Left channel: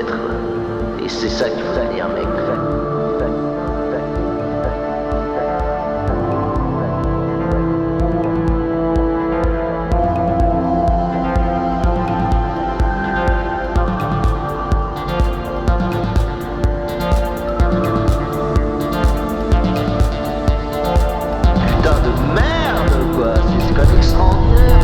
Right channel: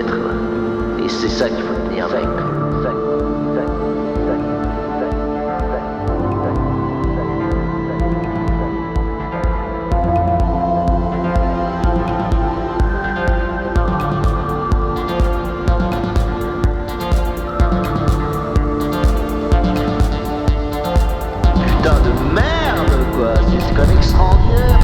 être. Et c'est ça qu'il faut devenir, mec. Putain de merde, quoi. C'est quand même extraordinaire.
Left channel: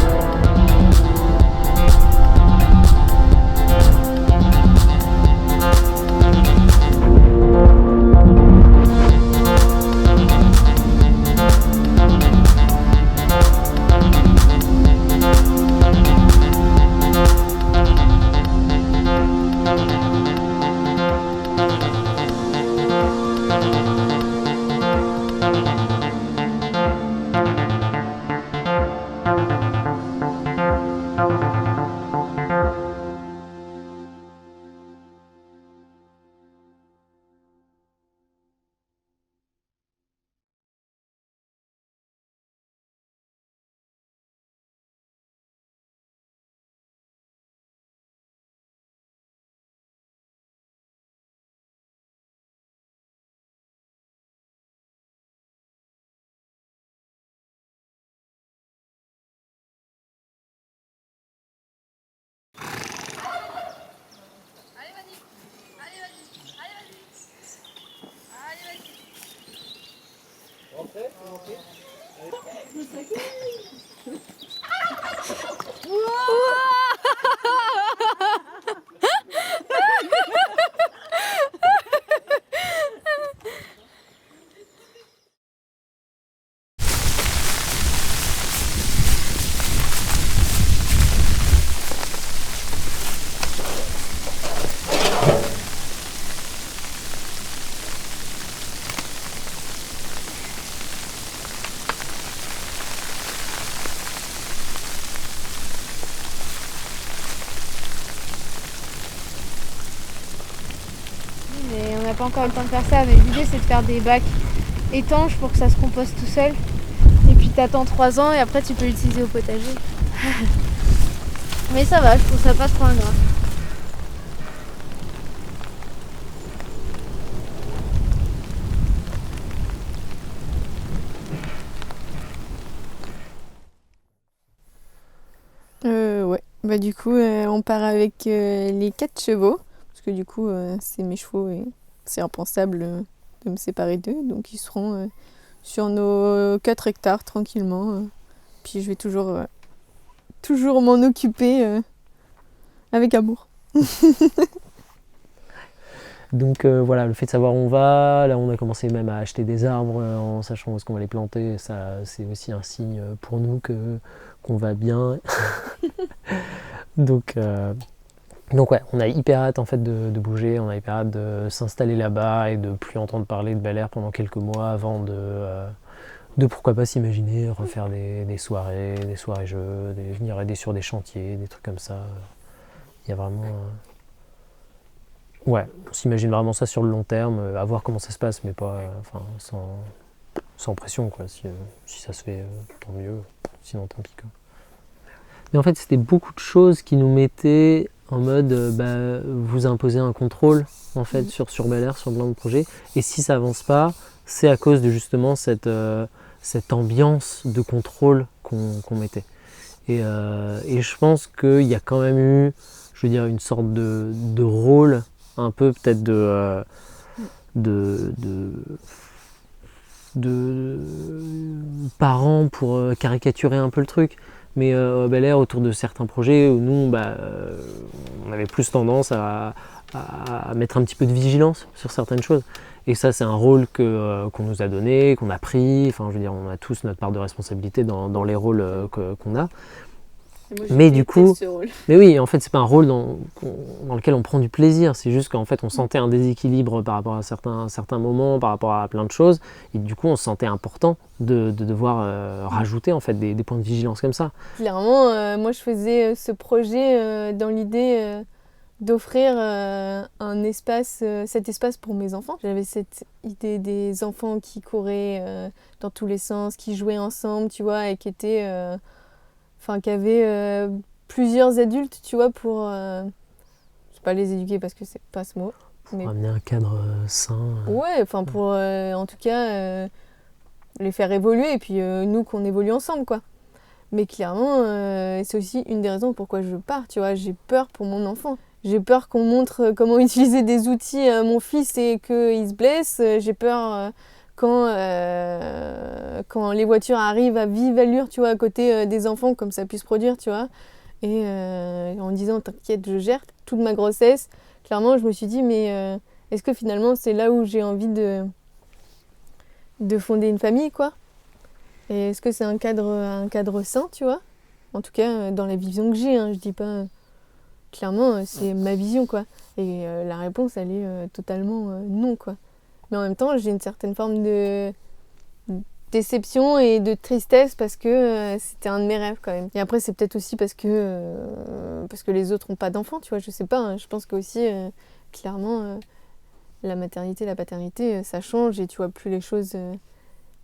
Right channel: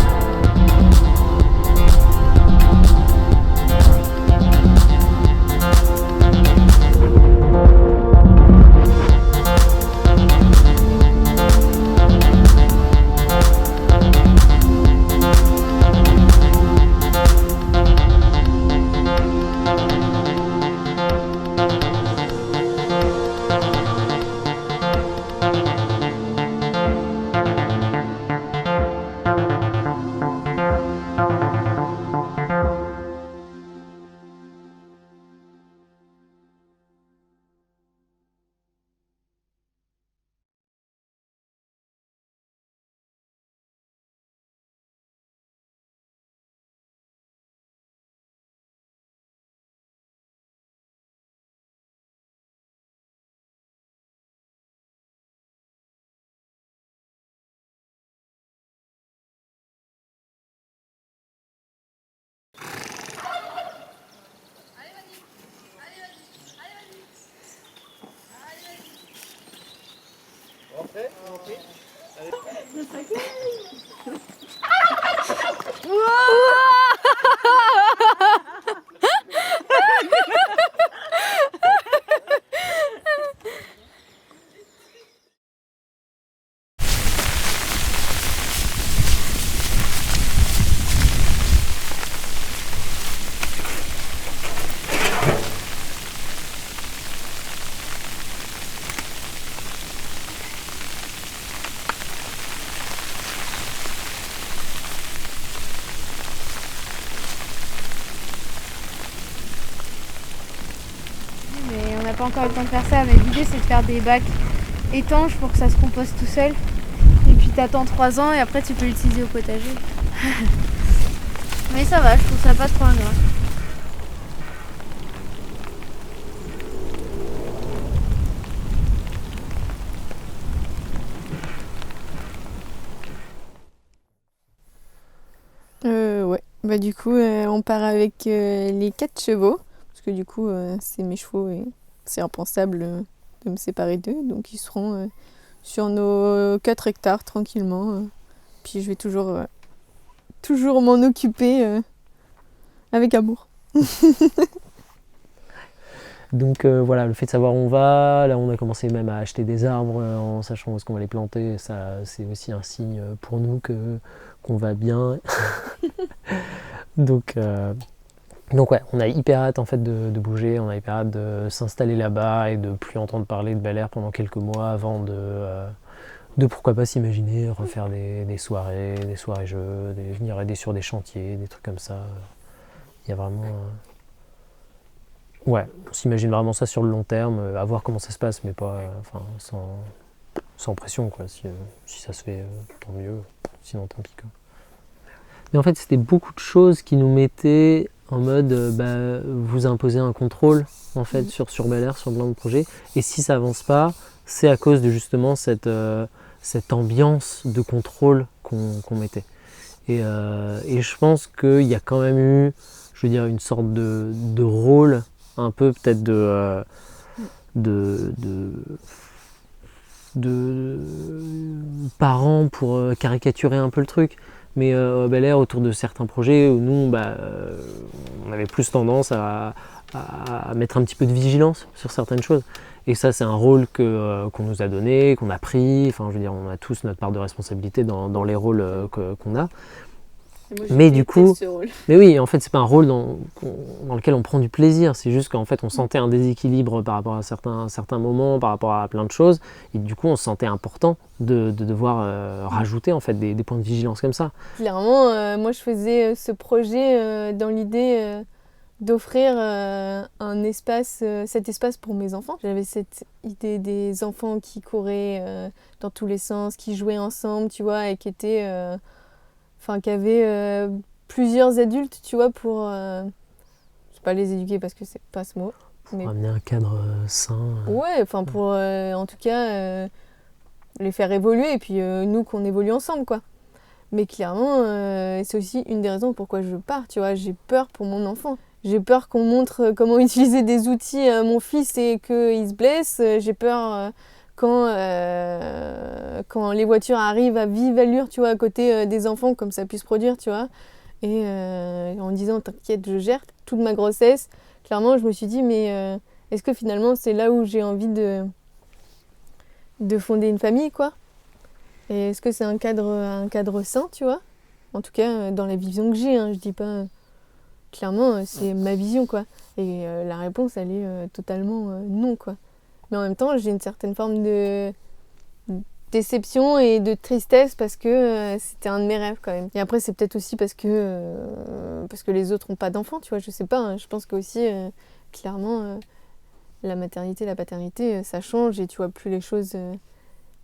Mais on n'a pas encore eu le temps de faire ça, mais l'idée c'est de faire des bacs étanches pour que ça se composte tout seul. Et puis t'attends 3 ans et après tu peux l'utiliser au potager. Mais ça va, je trouve ça pas trop ingrat. Ouais, bah du coup on part avec les 4 chevaux, parce que du coup c'est mes chevaux et c'est impensable de me séparer d'eux, donc ils seront sur nos 4 hectares tranquillement. Puis je vais toujours m'en occuper avec amour. Donc voilà, le fait de savoir où on va, là on a commencé même à acheter des arbres en sachant où est-ce qu'on va les planter, ça c'est aussi un signe pour nous qu'on va bien. Donc ouais, on a hyper hâte en fait de bouger, on a hyper hâte de s'installer là-bas et de plus entendre parler de Bel Air pendant quelques mois avant de pourquoi pas s'imaginer refaire des soirées jeux, venir aider sur des chantiers, des trucs comme ça. Il y a vraiment... Ouais, on s'imagine vraiment ça sur le long terme, à voir comment ça se passe, mais pas, sans pression, quoi. Si ça se fait, tant mieux, sinon tant pis, quoi. Mais en fait, c'était beaucoup de choses qui nous mettaient en mode, vous imposez un contrôle, en fait, sur Bel Air, sur plein de projets, et si ça avance pas, c'est à cause de justement cette ambiance de contrôle qu'on mettait. Et je pense qu'il y a quand même eu, je veux dire, une sorte de rôle un peu peut-être de parents pour caricaturer un peu le truc, mais Bel Air autour de certains projets où nous on avait plus tendance à mettre un petit peu de vigilance sur certaines choses, et ça c'est un rôle qu'on nous a donné, qu'on a pris, enfin je veux dire on a tous notre part de responsabilité dans les rôles qu'on a. Mais du coup, mais oui, en fait, c'est pas un rôle dans lequel on prend du plaisir. C'est juste qu'en fait, on sentait un déséquilibre par rapport à certains moments, par rapport à plein de choses, et du coup, on se sentait important de devoir rajouter en fait des points de vigilance comme ça. Clairement, moi, je faisais ce projet dans l'idée d'offrir cet espace pour mes enfants. J'avais cette idée des enfants qui couraient dans tous les sens, qui jouaient ensemble, tu vois, et qui étaient qui avaient plusieurs adultes, tu vois, pour pas les éduquer parce que c'est pas ce mot. Pour Mais amener un cadre sain. ouais, enfin pour en tout cas les faire évoluer et puis nous qu'on évolue ensemble quoi. Mais clairement, c'est aussi une des raisons pourquoi je pars, tu vois. J'ai peur pour mon enfant. J'ai peur qu'on montre comment utiliser des outils à mon fils et qu'il se blesse. J'ai peur quand les voitures arrivent à vive allure, tu vois, à côté des enfants, comme ça puisse produire, tu vois. Et en disant, t'inquiète, je gère toute ma grossesse. Clairement, je me suis dit, mais est-ce que finalement, c'est là où j'ai envie de fonder une famille, quoi? Et est-ce que c'est un cadre sain, tu vois? En tout cas, dans la vision que j'ai, hein, je dis pas... Clairement, c'est ma vision, quoi. Et la réponse, elle est totalement non, quoi. Mais en même temps, j'ai une certaine forme de déception et de tristesse parce que c'était un de mes rêves, quand même. Et après, c'est peut-être aussi parce que les autres n'ont pas d'enfants, tu vois, je sais pas. Hein. Je pense qu'aussi, clairement, la maternité, la paternité, ça change et tu vois plus les choses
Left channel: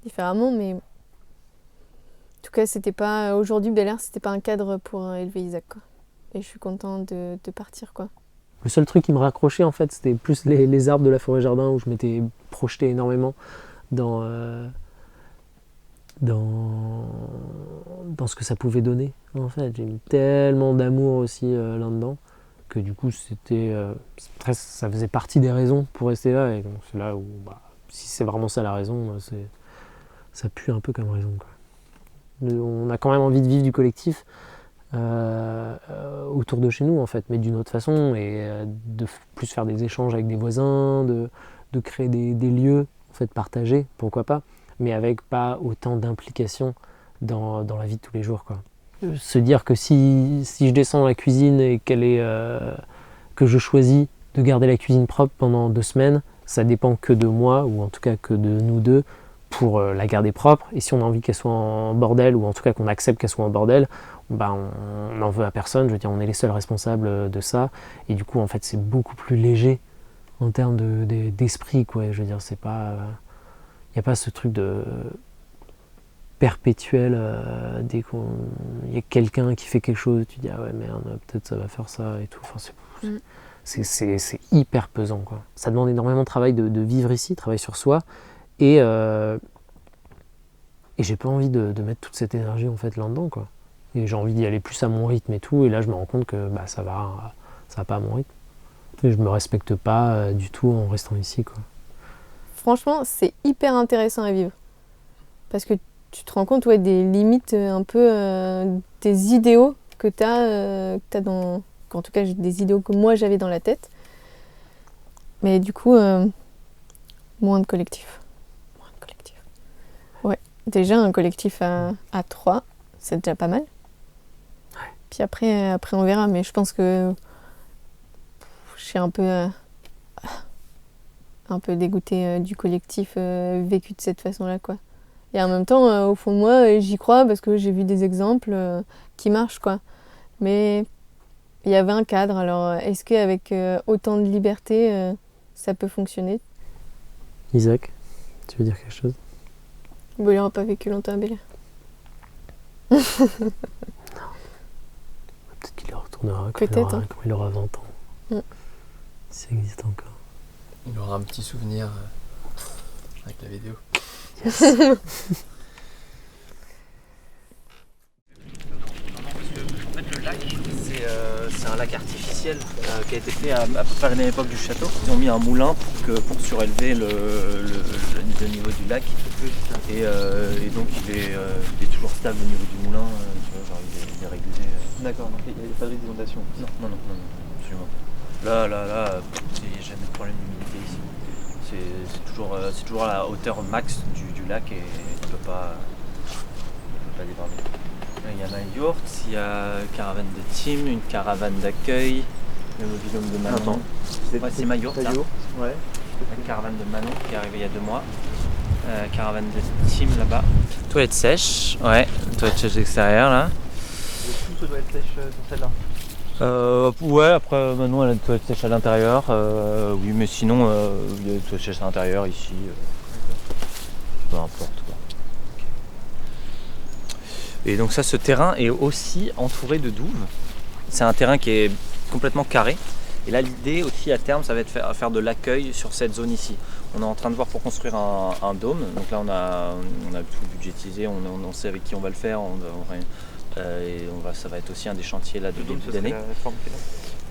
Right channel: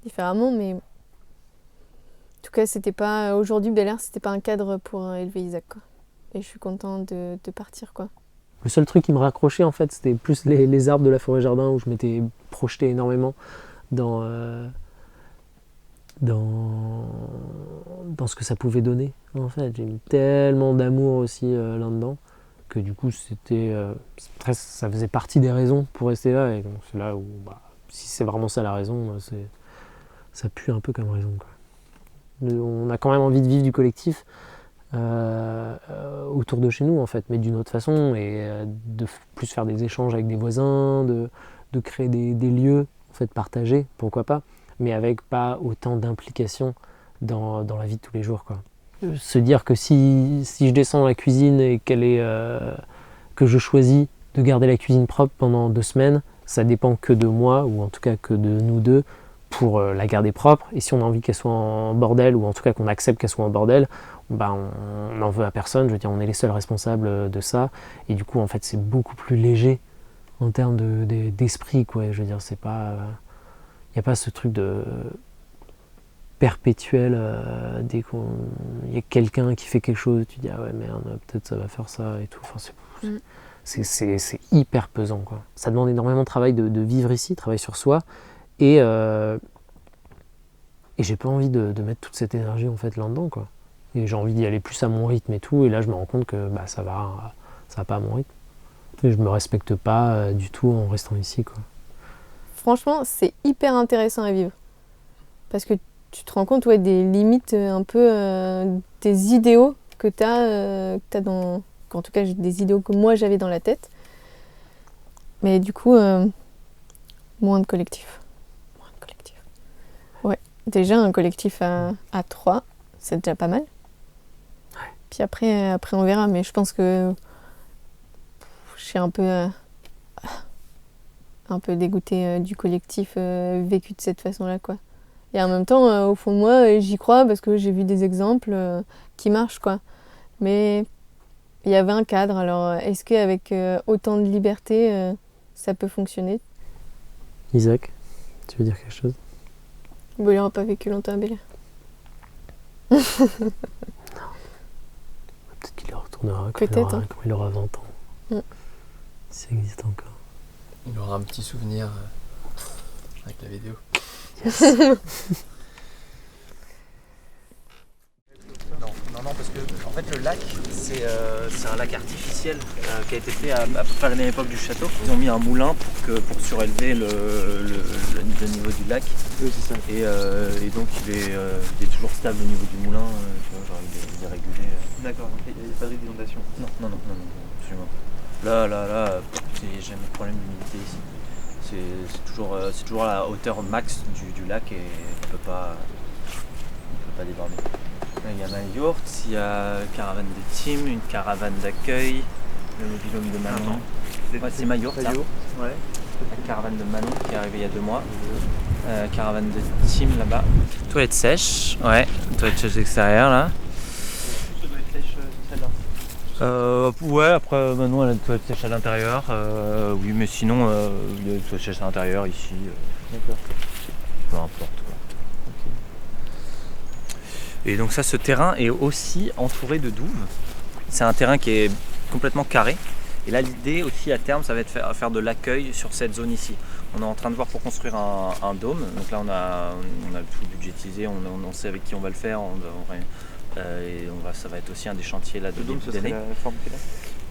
différemment, mais... En tout cas, c'était pas aujourd'hui Bel Air, c'était pas un cadre pour élever Isaac, quoi. Et je suis contente de partir, quoi. Le seul truc qui me raccrochait, en fait, c'était plus les arbres de la forêt jardin où je m'étais projeté énormément dans ce que ça pouvait donner. En fait, j'ai mis tellement d'amour aussi là-dedans que du coup, ça faisait partie des raisons pour rester là. Et donc c'est là où, si c'est vraiment ça la raison, ça pue un peu comme raison, quoi. On a quand même envie de vivre du collectif autour de chez nous en fait, mais d'une autre façon et de plus faire des échanges avec des voisins, de créer des lieux en fait partagés, pourquoi pas, mais avec pas autant d'implication dans la vie de tous les jours, quoi. Se dire que si je descends dans la cuisine et que je choisis de garder la cuisine propre pendant 2 semaines, ça dépend que de moi ou en tout cas que de nous deux pour la garder propre, et si on a envie qu'elle soit en bordel ou en tout cas qu'on accepte qu'elle soit en bordel, on n'en veut à personne, je veux dire on est les seuls responsables de ça, et du coup en fait c'est beaucoup plus léger en termes d'esprit, quoi. Je veux dire c'est pas, il n'y a pas ce truc de perpétuel dès qu'il y a quelqu'un qui fait quelque chose, tu dis ah ouais merde peut-être ça va faire ça et tout, enfin, c'est hyper pesant, quoi. Ça demande énormément de travail de vivre ici, travail sur soi. Et j'ai pas envie de mettre toute cette énergie en fait là-dedans, quoi. Et j'ai envie d'y aller plus à mon rythme et tout. Et là, je me rends compte que ça va pas à mon rythme. Et je me respecte pas du tout en restant ici, quoi. Franchement, c'est hyper intéressant à vivre. Parce que tu te rends compte des limites un peu des idéaux que t'as dans... En tout cas, des idéaux que moi j'avais dans la tête. Mais du coup, moins de collectif. Ouais, déjà un collectif à 3, c'est déjà pas mal. Ouais. Puis après on verra, mais je pense que je suis un peu dégoûtée du collectif vécu de cette façon-là, quoi. Et en même temps, au fond de moi, j'y crois parce que j'ai vu des exemples qui marchent, quoi. Mais il y avait un cadre, alors est-ce qu'avec autant de liberté, ça peut fonctionner? Isaac, tu veux dire quelque chose? Bon, il n'aura pas vécu longtemps à Bel Air. Non. Peut-être qu'il y retournera quand il aura 20 ans. Si ça existe encore. Il aura un petit souvenir avec la vidéo. Yes. Non, parce que en fait le lac c'est un lac artificiel qui a été fait à peu près à la même époque du château. Ils ont mis un moulin pour surélever le niveau du lac. Oui, c'est ça. Et donc il est toujours stable au niveau du moulin, tu vois, genre il est régulé. D'accord, donc il n'y a pas de risque d'inondation. Non, absolument pas. Là, il n'y a jamais de problème d'humidité ici. C'est toujours à la hauteur max du lac et il peut pas déborder. Il y a ma yourte, il y a caravane de team, une caravane d'accueil, le mobilhome de Manon. C'est ma yourte, ça. Ouais. La caravane de Manon qui est arrivée il y a 2 mois. Caravane de team là-bas. Toilette sèche, ouais, toilette sèche extérieure là. Ouais, après Manon elle a une toilette sèche à l'intérieur. Oui, mais sinon il y a une toilette sèche à l'intérieur ici. D'accord. Peu importe, quoi. Et donc ça, ce terrain est aussi entouré de douves. C'est un terrain qui est complètement carré Et là, l'idée aussi à terme, ça va être faire de l'accueil sur cette zone ici. On est en train de voir pour construire un dôme. Donc là, on a tout budgétisé, on sait avec qui on va le faire. Ça va être aussi un des chantiers là de Le dôme, début ce serait d'année. la forme qu'il a.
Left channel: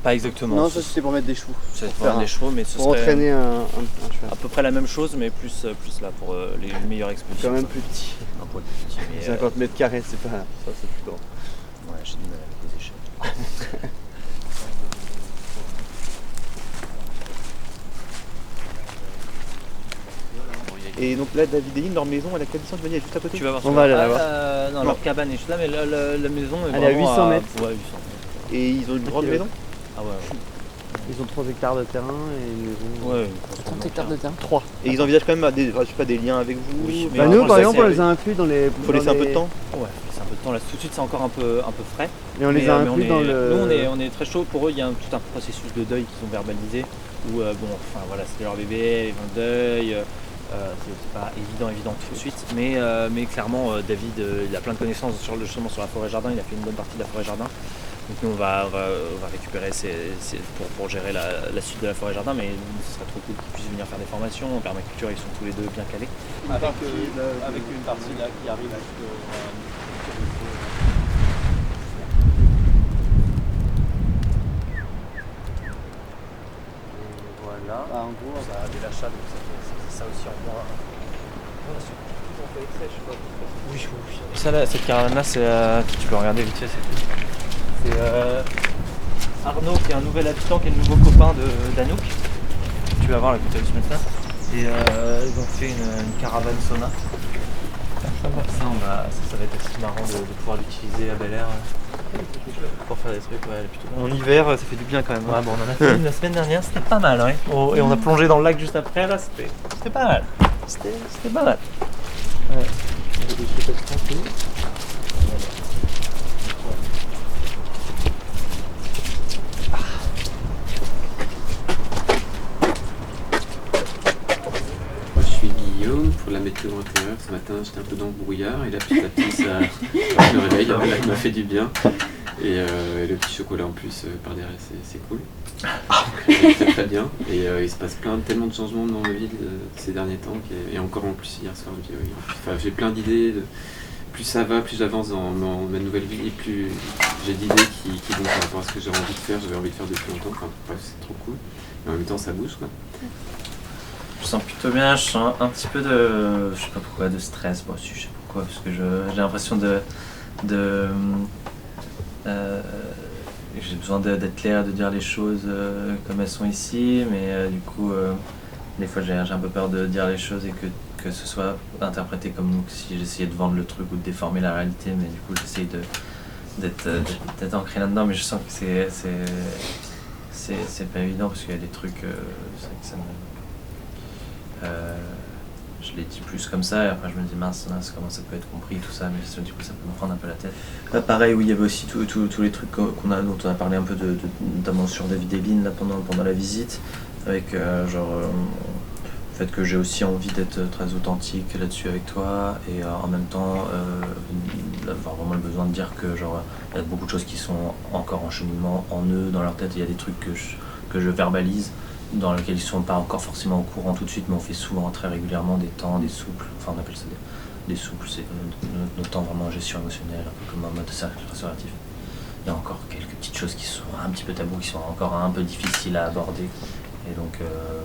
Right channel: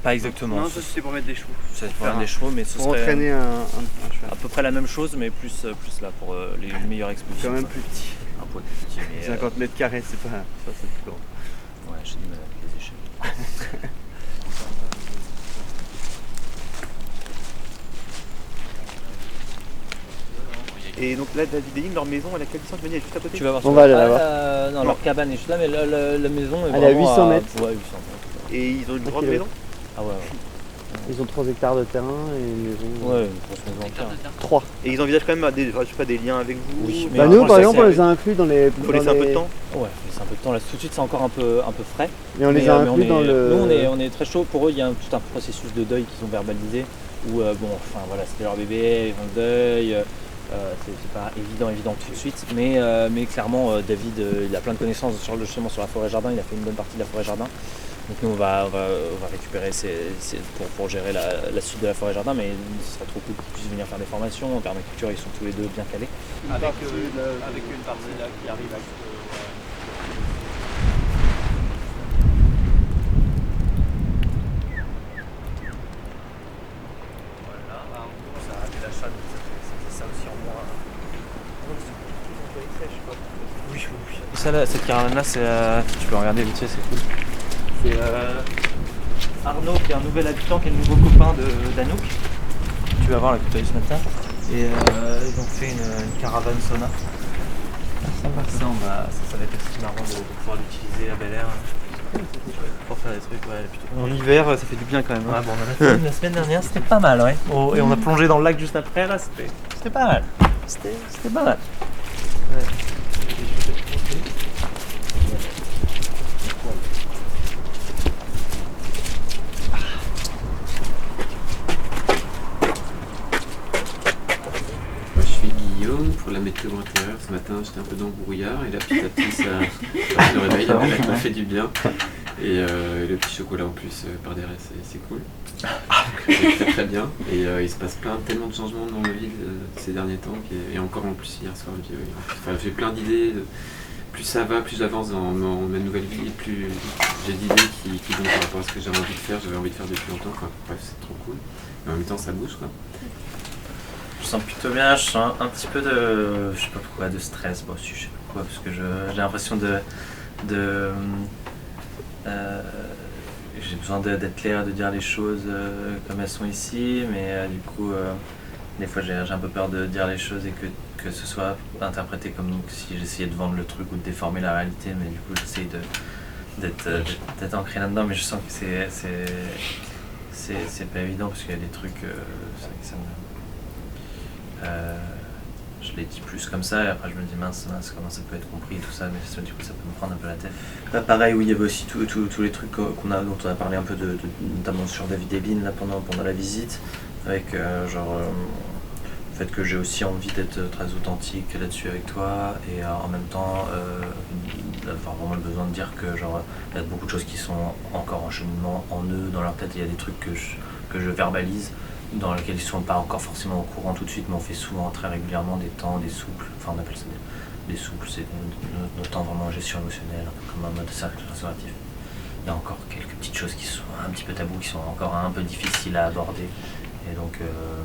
Pas exactement. Non, ça c'était pour mettre des chevaux. Ça va être pour mettre des chevaux, mais ce Pour serait entraîner un cheval. à peu près la même chose, mais plus là pour les meilleures expositions. Quand même quoi. plus petit. Un poil plus petit, mais 50 mètres carrés, c'est pas. Ça, c'est plus grand. ouais, j'ai du mal avec les échelles. Et donc là, David et Lynn, leur maison, elle a quelle distance? Tu m'as dit, elle est juste à côté. Tu vas voir. On va aller la voir. Non, Non. leur cabane est juste là, mais la maison est Elle est à vraiment 800 mètres. Ouais, 800 mètres. Et ils ont une grande Ok, maison. Ah ouais. Ils ont 3 hectares de terrain et une maison. Ouais, une grosse maison entière. 3. Et ils envisagent quand même des, je sais pas, des liens avec vous. Oui, mais Bah alors, nous par ça, exemple c'est on les a inclus dans les. Il faut laisser un peu de temps. Ouais, faut laisser un peu de temps. Là, tout de suite, c'est encore un peu frais. Et on les a inclus dans le. Nous, on est très chaud. Pour eux, il y a tout un processus de deuil qu'ils ont verbalisé. Où, voilà, c'était leur bébé, ils vont le deuil. C'est pas évident tout de suite. Mais clairement, David, il a plein de connaissances justement sur la forêt-jardin. Il a fait une bonne partie de la forêt-jardin. Donc nous, on va récupérer pour gérer la suite de la forêt-jardin. Mais ce serait trop cool qu'ils puissent venir faire des formations. En permaculture, ils sont tous les deux bien calés. Avec une partie là qui arrive jusqu'à un petit ruisseau. Voilà. En gros, ça a des lachats, donc ça fait ça aussi en moins. Tous en feuilles sèches, quoi. Oui. Ça là, cette caravane là, tu peux regarder vite fait, c'est cool. C'est Arnaud qui est un nouvel habitant, qui est le nouveau copain d'Anouk. Tu vas voir là que tu as vu ce matin. Et ils ont fait une caravane sauna. Ça va être aussi marrant de pouvoir l'utiliser à Bel Air pour faire des trucs. Ouais, plutôt. En hiver, ça fait du bien quand même. Ouais, bon, on en a fait une la semaine dernière, c'était pas mal, ouais. Oh, et on a plongé dans le lac juste après, là, c'était pas mal. C'était pas mal. Ouais. Moi, je suis Guillaume pour la météo intérieure. Ce matin, j'étais un peu dans le brouillard et là, petit à petit, le réveil, la blague m'a fait du bien. Et le petit chocolat en plus par derrière, c'est cool. C'est très très bien. Et il se passe tellement de changements dans ma vie ces derniers temps. Et encore en plus, hier soir, j'ai plein d'idées. Plus ça va, plus j'avance dans ma nouvelle vie, et plus j'ai d'idées qui vont par rapport à ce que j'avais envie de faire. J'avais envie de faire depuis longtemps. Enfin, bref, c'est trop cool. Et en même temps, ça bouge, quoi. Je sens plutôt bien, je sens un petit peu de, je sais pas pourquoi, de stress, moi aussi je sais pas pourquoi, parce que j'ai l'impression j'ai besoin d'être clair, de dire les choses comme elles sont ici, mais du coup, des fois j'ai un peu peur de dire les choses et que ce soit interprété comme si j'essayais de vendre le truc ou de déformer la réalité, mais du coup j'essaye d'être ancré là-dedans, mais je sens que c'est pas évident parce qu'il y a des trucs, c'est vrai que ça me... je l'ai dit plus comme ça et après je me dis mince comment ça peut être compris tout ça, mais du coup ça peut me prendre un peu la tête. Pareil, oui, il y avait aussi tous les trucs dont on a parlé un peu notamment sur David et Lynn là, pendant la visite, avec le fait que j'ai aussi envie d'être très authentique là-dessus avec toi et en même temps avoir vraiment le besoin de dire que il y a beaucoup de choses qui sont encore en cheminement en eux, dans leur tête. Il y a des trucs que je verbalise dans lesquels ils sont pas encore forcément au courant tout de suite, mais on fait souvent très régulièrement des temps, des souples, enfin on appelle ça des souples, c'est nos temps vraiment en gestion émotionnelle, un peu comme un mode cercle restauratif. Il y a encore quelques petites choses qui sont un petit peu tabous, qui sont encore un peu difficiles à aborder, et donc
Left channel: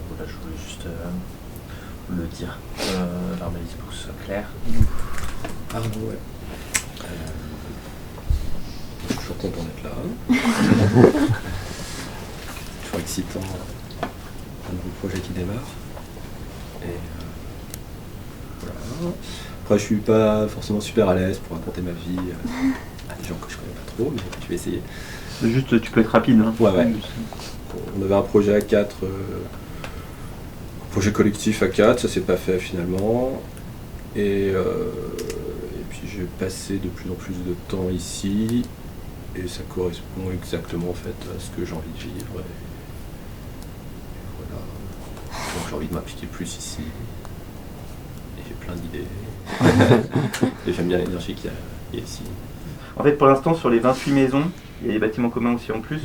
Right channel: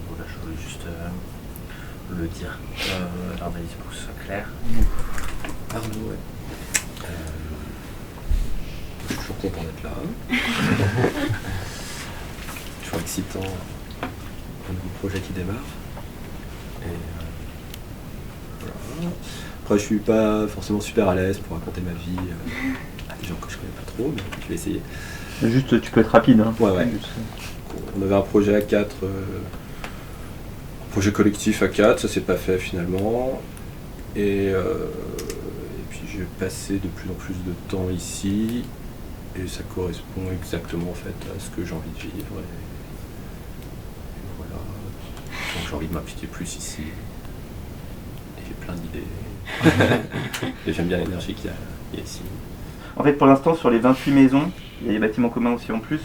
voilà, je voulais juste le dire, verbaliser pour que ce soit clair. Arnaud, ouais. Je suis toujours content d'être là. C'est toujours excitant. Un nouveau projet qui démarre. Et voilà. Après, je suis pas forcément super à l'aise pour raconter ma vie à des gens que je connais pas trop, mais je vais essayer. Juste, tu peux être rapide. Hein. Ouais. On avait un projet à 4, un projet collectif à 4, ça s'est pas fait finalement. Et puis j'ai passé de plus en plus de temps ici, et ça correspond exactement en fait à ce que j'ai envie de vivre. Et voilà. Donc j'ai envie de m'impliquer plus ici. Et j'ai plein d'idées. Et j'aime bien l'énergie qu'il y a ici. En fait, pour l'instant, sur les 28 maisons, Il y a des bâtiments communs aussi en plus.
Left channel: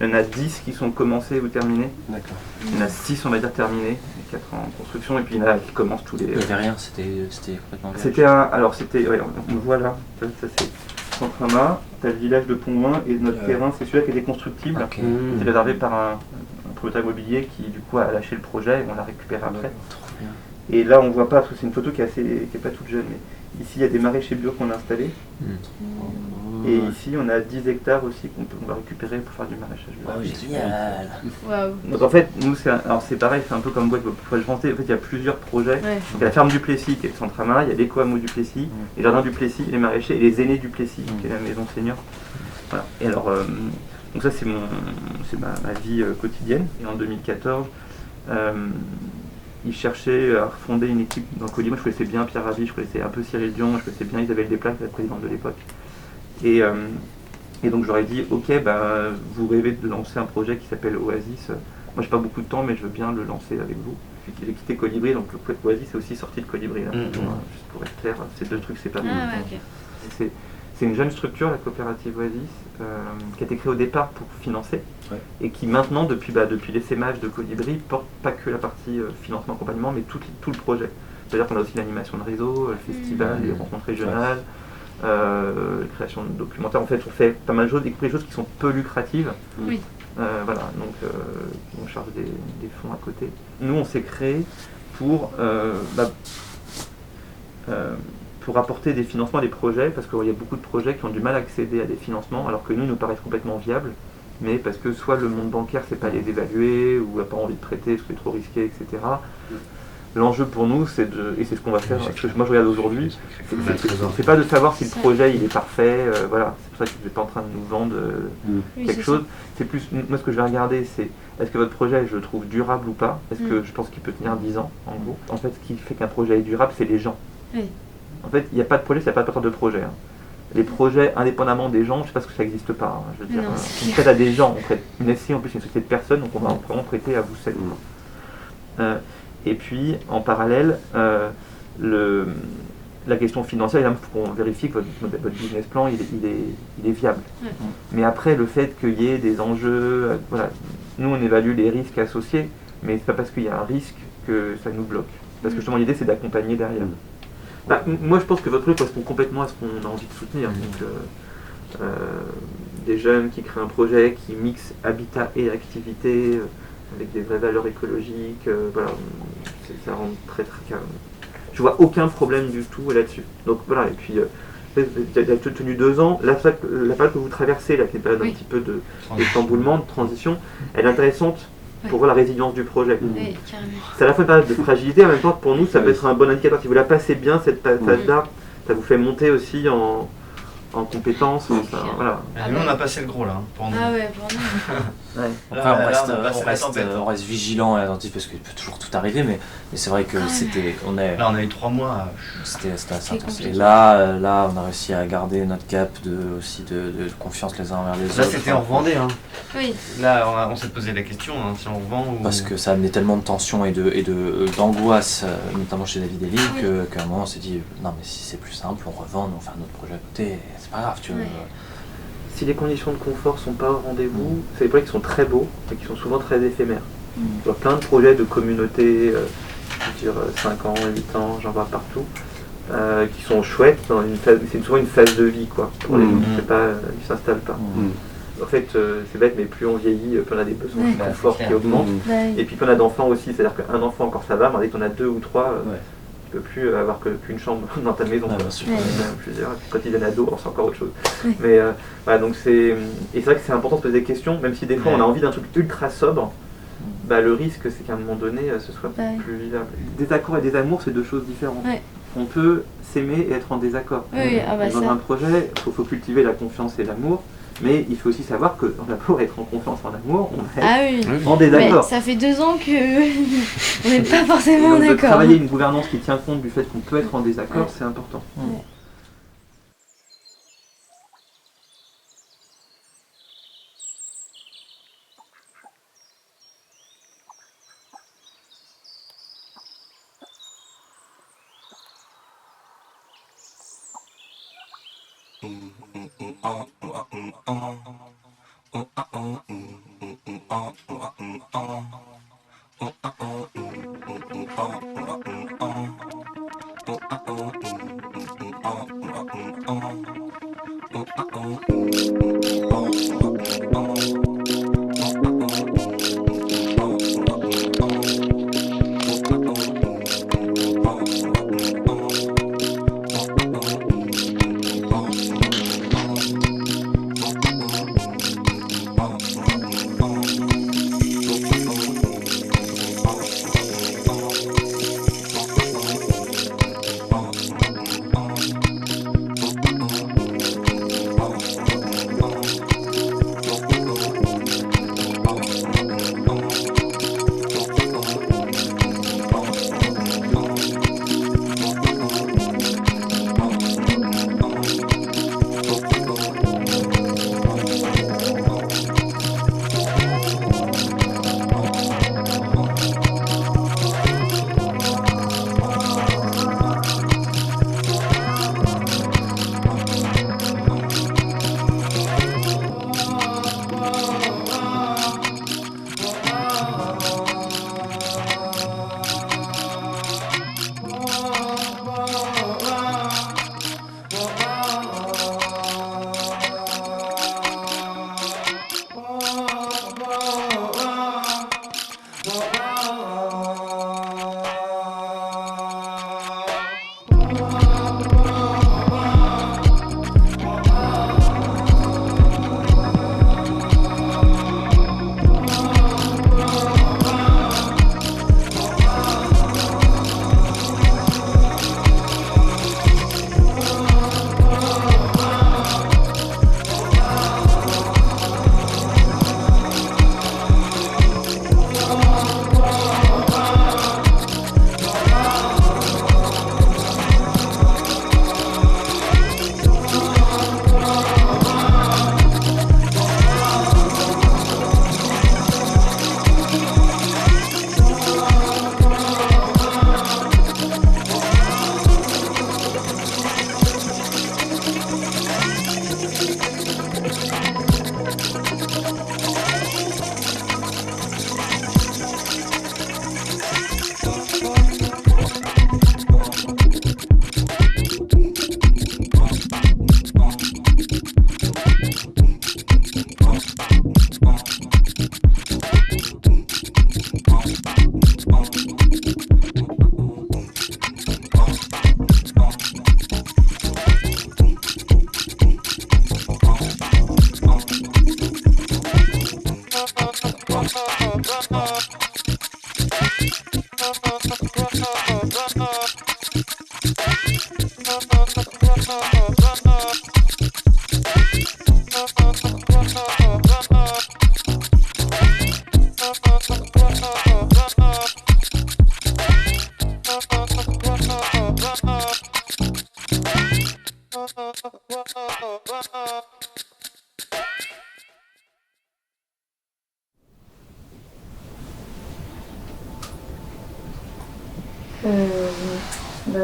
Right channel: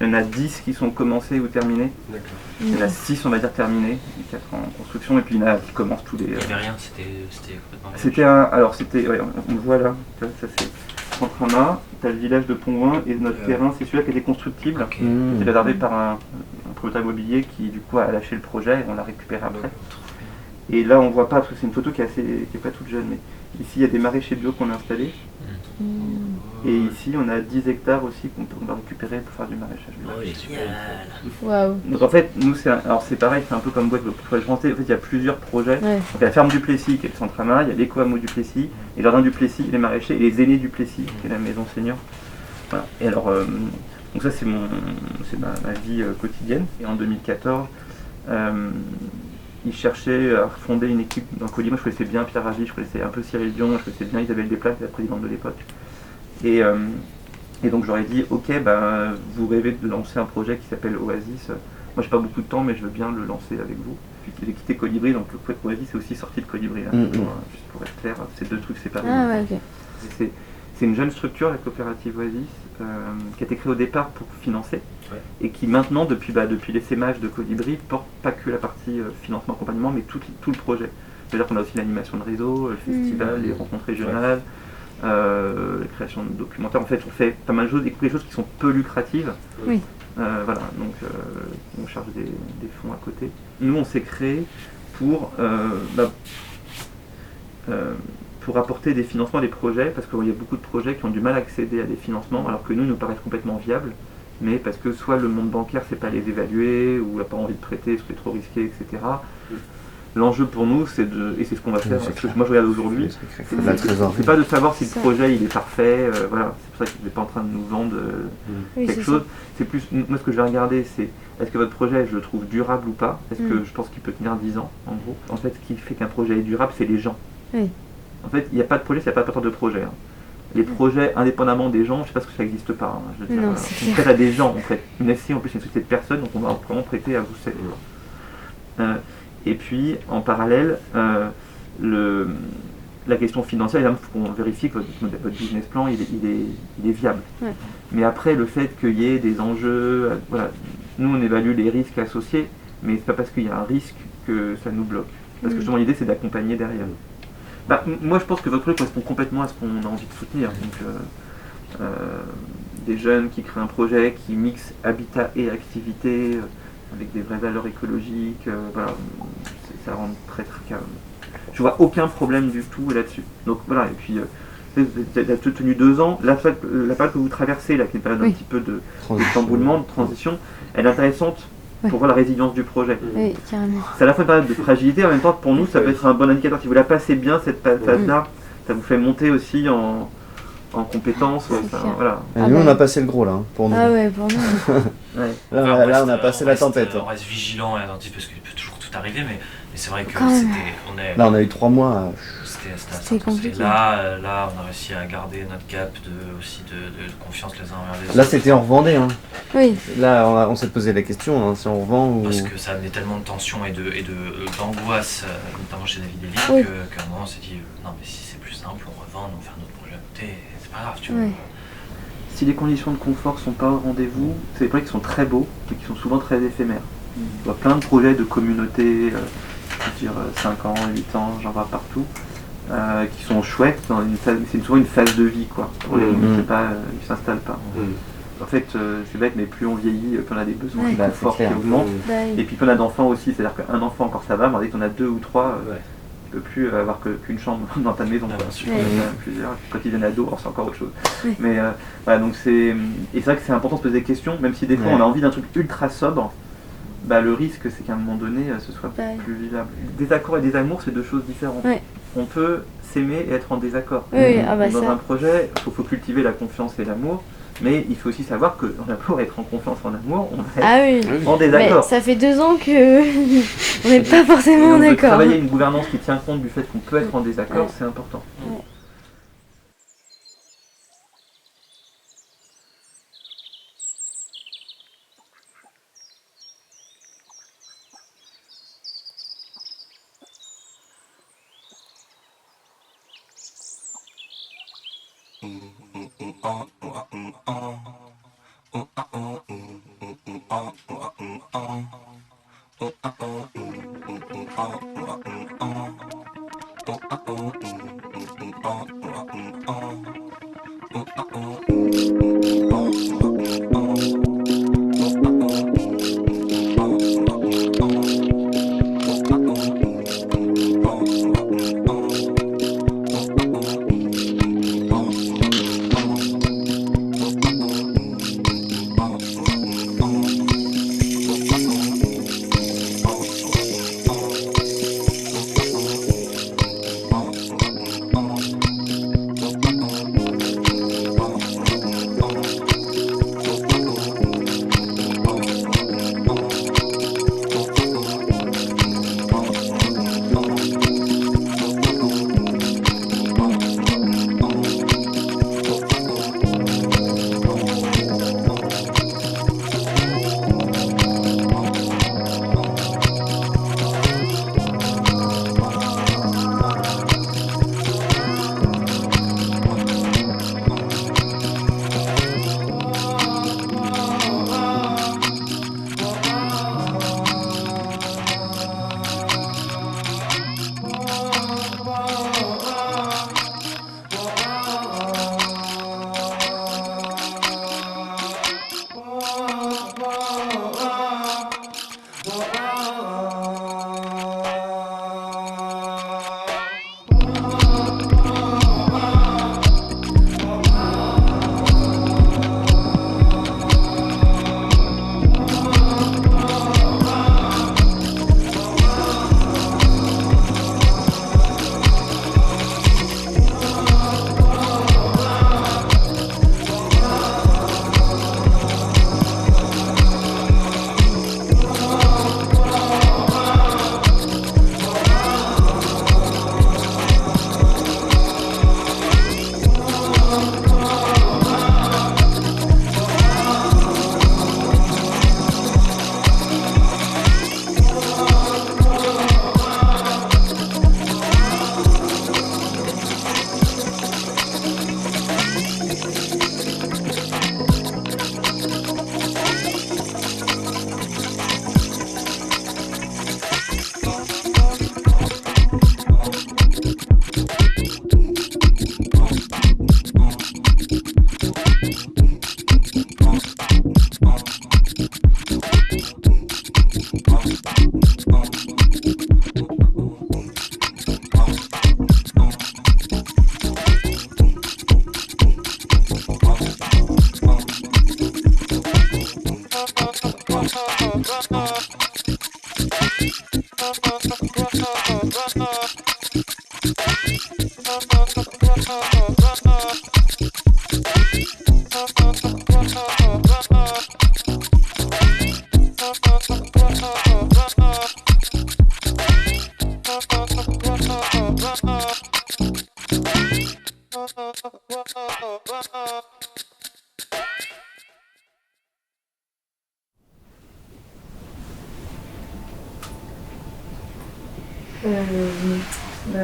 Il y en a 10 qui sont commencés ou terminés. D'accord. Il y en a 6, on va dire, terminés, 4 en construction, et puis il y en a qui commencent tous les... Il n'y avait rien, c'était complètement vierge. C'était un... Alors, c'était... Ouais, on le voit là, ça c'est Centrama, t'as le village de Pont-Loin, et notre terrain, c'est celui-là qui était constructible. Ok. C'était réservé par un propriétaire immobilier qui, du coup, a lâché le projet, et on l'a récupéré après. Trop bien. Et là, on voit pas, parce que c'est une photo qui est pas toute jeune, mais ici, il y a des maraîchers bio qu'on a installés. Et ici, on a 10 hectares aussi qu'on va récupérer pour faire du maraîchage bio. Oh, génial. Waouh. Donc en fait, nous, alors c'est pareil, c'est un peu comme boîte pour français. En fait, il y a plusieurs projets. Ouais. Donc, il y a la ferme du Plessis, qui est le Centrama, il y a l'éco-hameau du Plessis, les jardins du Plessis, les maraîchers, et les aînés du Plessis, qui est la maison senior. Voilà. Et alors, donc ça, c'est ma vie quotidienne. Et en 2014, ils cherchaient à fonder une équipe dans Colibri. Moi, je connaissais bien Pierre Rabhi, je connaissais un peu Cyril Dion, je connaissais bien Isabelle Desplat, qui était la présidente de l'époque. Et donc j'aurais dit, ok, vous rêvez de lancer un projet qui s'appelle Oasis. Moi j'ai pas beaucoup de temps, mais je veux bien le lancer avec vous. J'ai quitté Colibri, donc Oasis est aussi sorti de Colibri. Là, juste pour être clair, ces deux trucs séparés. Ah ouais, ok. C'est une jeune structure, la coopérative Oasis, qui a été créée au départ pour financer, et qui maintenant, depuis l'essaimage de Colibri, porte pas que la partie financement, accompagnement, mais tout le projet. C'est-à-dire qu'on a aussi l'animation de réseau, le festival, les rencontres régionales, la création de documentaires. En fait, on fait pas mal de choses, y compris des choses qui sont peu lucratives. Oui. Voilà, donc on charge des fonds à côté. Nous, on s'est créé pour apporter des financements à des projets, parce qu'il y a beaucoup de projets qui ont du mal à accéder à des financements, alors que nous paraissent complètement viables, mais parce que soit le monde bancaire ne sait pas les évaluer, ou n'a pas envie de prêter, parce que c'est trop risqué, etc. L'enjeu pour nous, et c'est ce qu'on va faire, parce que moi je regarde aujourd'hui, c'est pas de savoir si le projet il est parfait, voilà, c'est pour ça que vous n'êtes pas en train de nous vendre quelque chose. C'est plus, moi ce que je vais regarder, c'est est-ce que votre projet, je le trouve durable ou pas, est-ce que je pense qu'il peut tenir 10 ans, en gros. En fait, ce qui fait qu'un projet est durable, c'est les gens. En fait, il n'y a pas de projet, s'il n'y a pas de porteur de projet. Les projets, indépendamment des gens, je ne sais pas ce que ça n'existe pas. Je veux dire, on prête à des gens, on prête une SCI, en plus une société de personnes, donc on va vraiment prêter à vous seul. Et puis, en parallèle, la question financière, il faut qu'on vérifie que votre business plan, il est viable. Mais après, le fait qu'il y ait des enjeux, voilà, nous on évalue les risques associés, mais c'est pas parce qu'il y a un risque que ça nous bloque. Parce que justement, l'idée, c'est d'accompagner derrière. Moi, je pense que votre projet correspond complètement à ce qu'on a envie de soutenir. Donc, des jeunes qui créent un projet qui mixe habitat et activité, avec des vraies valeurs écologiques, voilà, ça rend très très calme. Je vois aucun problème du tout là-dessus. Donc voilà, et puis vous avez tenu 2 ans, la période que vous traversez, là, qui est une période un petit peu de chamboulement, de transition, elle est intéressante pour voir la résilience du projet. Oui, carrément. C'est à la fois une période de fragilité, en même temps pour nous ça peut être un bon indicateur. Si vous la passez bien cette phase-là, ça vous fait monter aussi en compétences. Voilà. Et nous on a passé le gros là, pour nous. Ah ouais, pour nous. Là on a passé la tempête. On reste vigilant et attentif parce qu'il peut toujours tout arriver, mais c'est vrai que Là on a eu 3 mois. C'était assez intense. Et là on a réussi à garder notre cap de confiance les uns envers les autres. Là c'était on revendait. Oui. Là on s'est posé la question si on revend ou... Parce que ça amenait tellement de tension et d'angoisse, notamment chez David et Lynn, qu'à un moment on s'est dit non mais si c'est plus simple, on revend, on fait un autre projet à côté, c'est pas grave, tu vois. Si les conditions de confort sont pas au rendez-vous, c'est des projets qui sont très beaux, mais qui sont souvent très éphémères. Je vois plein de projets de communautés, je veux dire 5 ans, 8 ans, j'en vois partout, qui sont chouettes, c'est souvent une phase de vie, quoi. Pour ils s'installent pas. En fait, c'est bête, mais plus on vieillit, plus on a des besoins de confort qui augmentent. Et puis plus on a d'enfants aussi, c'est-à-dire qu'un enfant encore ça va, mais dès qu'on a 2 ou 3, tu peux plus avoir qu'une chambre dans ta maison. Quand ils viennent ados, c'est encore autre chose. Mais voilà, donc et c'est vrai que c'est important de se poser des questions, même si des fois on a envie d'un truc ultra sobre. Le risque c'est qu'à un moment donné ce soit plus vivable. Des accords et des amours, c'est 2 choses différentes. On peut s'aimer et être en désaccord. Dans un projet, il faut cultiver la confiance et l'amour, mais il faut aussi savoir que pour être en confiance, en amour, on va être en désaccord. Ça fait 2 ans que vous n'êtes pas forcément et donc de d'accord. travailler une gouvernance qui tient compte du fait qu'on peut être en désaccord, c'est important.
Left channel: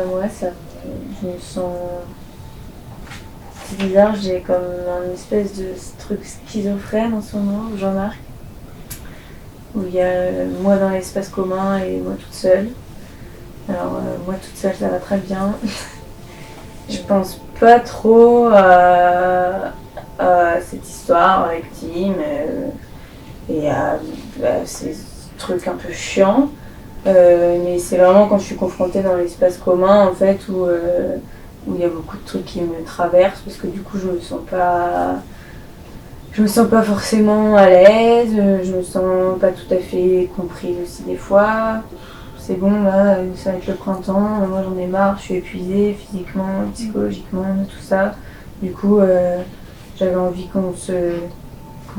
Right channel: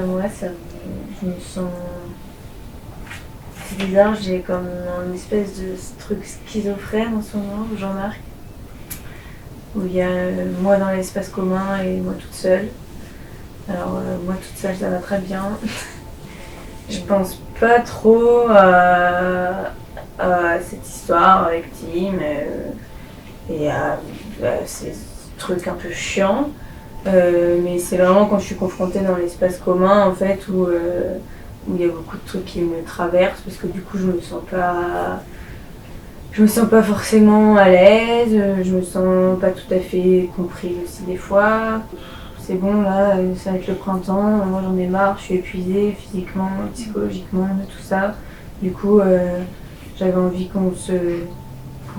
Moi, je me sens... C'est bizarre, j'ai comme une espèce de truc schizophrène en ce moment, Jean-Marc, où il y a moi dans l'espace commun et moi toute seule. Alors moi toute seule, ça va très bien. Je pense pas trop à cette histoire avec Tim et à ces trucs un peu chiants. Mais c'est vraiment quand je suis confrontée dans l'espace commun en fait où il y a beaucoup de trucs qui me traversent parce que du coup je me sens pas forcément à l'aise, je me sens pas tout à fait comprise aussi des fois. C'est bon là, ça va être le printemps, moi j'en ai marre, je suis épuisée physiquement, psychologiquement, de tout ça. Du coup j'avais envie qu'on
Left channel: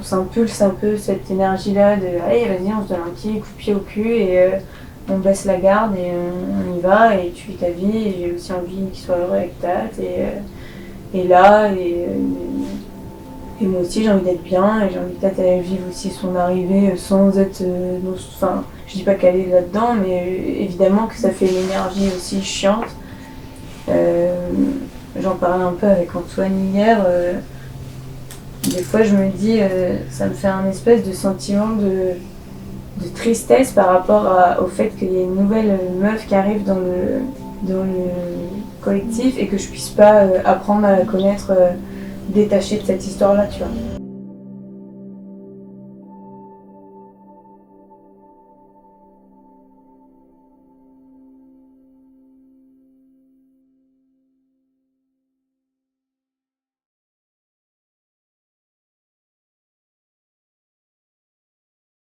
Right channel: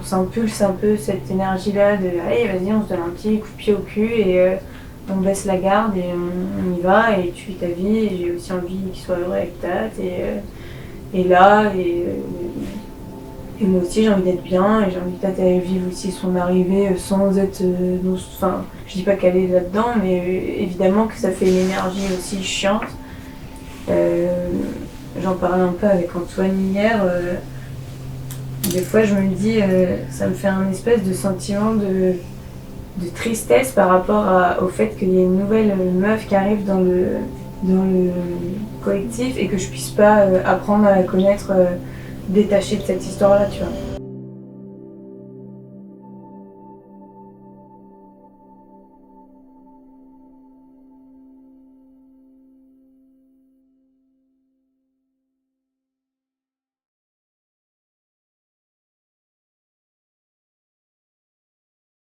s'impulse un peu cette énergie-là de allez vas-y on se donne un petit coup de pied au cul et on baisse la garde et on y va et tu vis ta vie et j'ai aussi envie qu'il soit heureux avec Tat et là et moi aussi j'ai envie d'être bien et j'ai envie que Tat elle vive aussi son arrivée sans être enfin je dis pas qu'elle est là-dedans mais évidemment que ça fait une énergie aussi chiante. J'en parlais un peu avec Antoine hier Des fois, je me dis, ça me fait un espèce de sentiment de tristesse par rapport au fait qu'il y ait une nouvelle meuf qui arrive dans le collectif et que je puisse pas apprendre à la connaître détachée de cette histoire-là, tu vois.